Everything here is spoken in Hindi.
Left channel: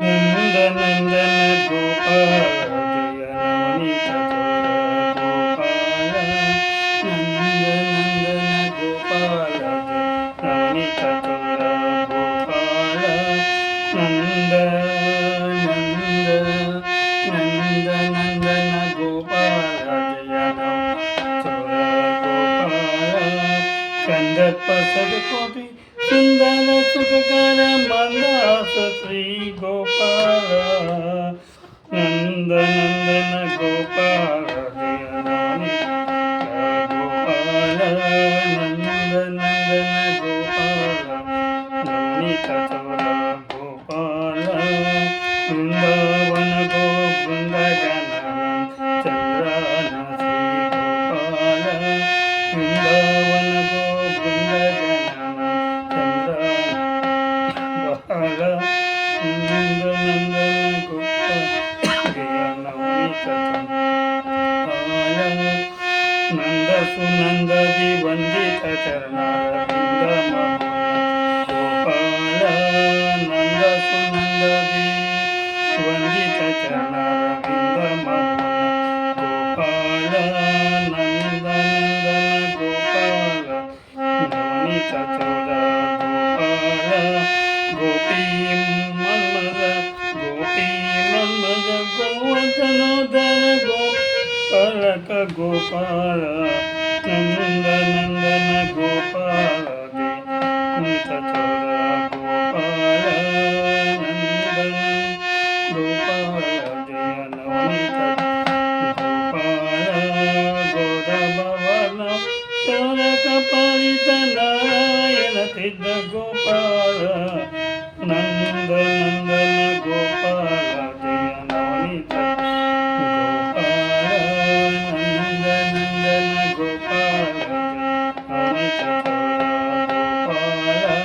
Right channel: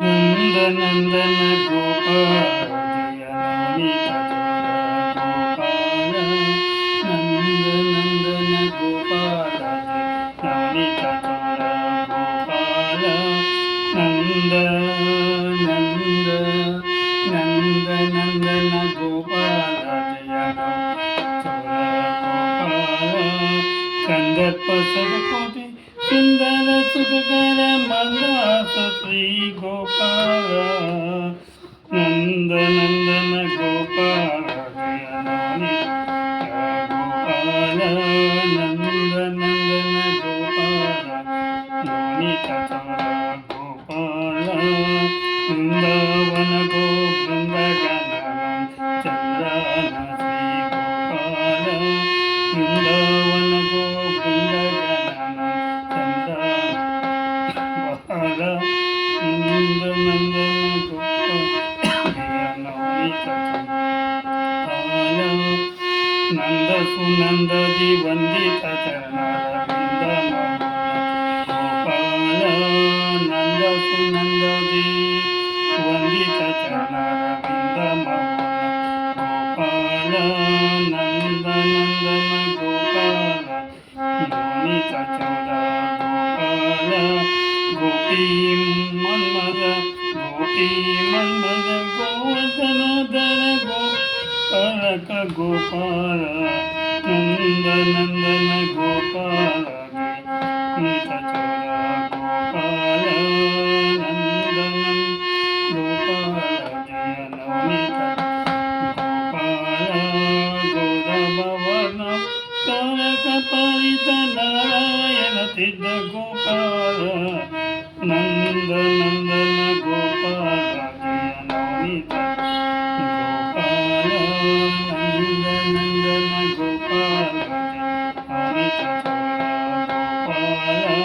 नंदनंदन गोपाल जय नवनीत चोर गोपाल नंदनंदन गोपाल जय नवनीत चोर गोपाल नंद नंद नंदनंदन गोपाल जय नव चोर गोपाल कंदर्प सदकोटि सुंदर सुखकर मंदास श्री गोपाल नंदनंदन गोपाल जय नवनीत गोपाल नंदनंदन गोपाल नवनीत चोर गोपाल वृंदावन गो वृंदगनानंद चंद्रन श्री गोपाल वृंदावन गो वृंदगनानंद चंद्रन गोपाल नंदनंदन गोपाल जय नवनीत गोपाल नंद सुनंदि वंदित चरणारविंद गोपाल नंद सुनंदि वंदित चरणारविंद गोपाल नंदनंदन गोपाल नवनीत चोर गोपाल गोपी मन्मद गोवर्धनोदर गोपालक गोपाल नंदनंदन गोपाल जय नवनीत चोर गोपाल नंदनंदन गोपाल जय नवनीत गोपाल गोदभवन तारक परित नारायण सिद्ध गोपाल नंदनंदन गोपाल जय नवनीत गोपाल नंदनंदन गोपाल जय नवनीत चोर गोपाल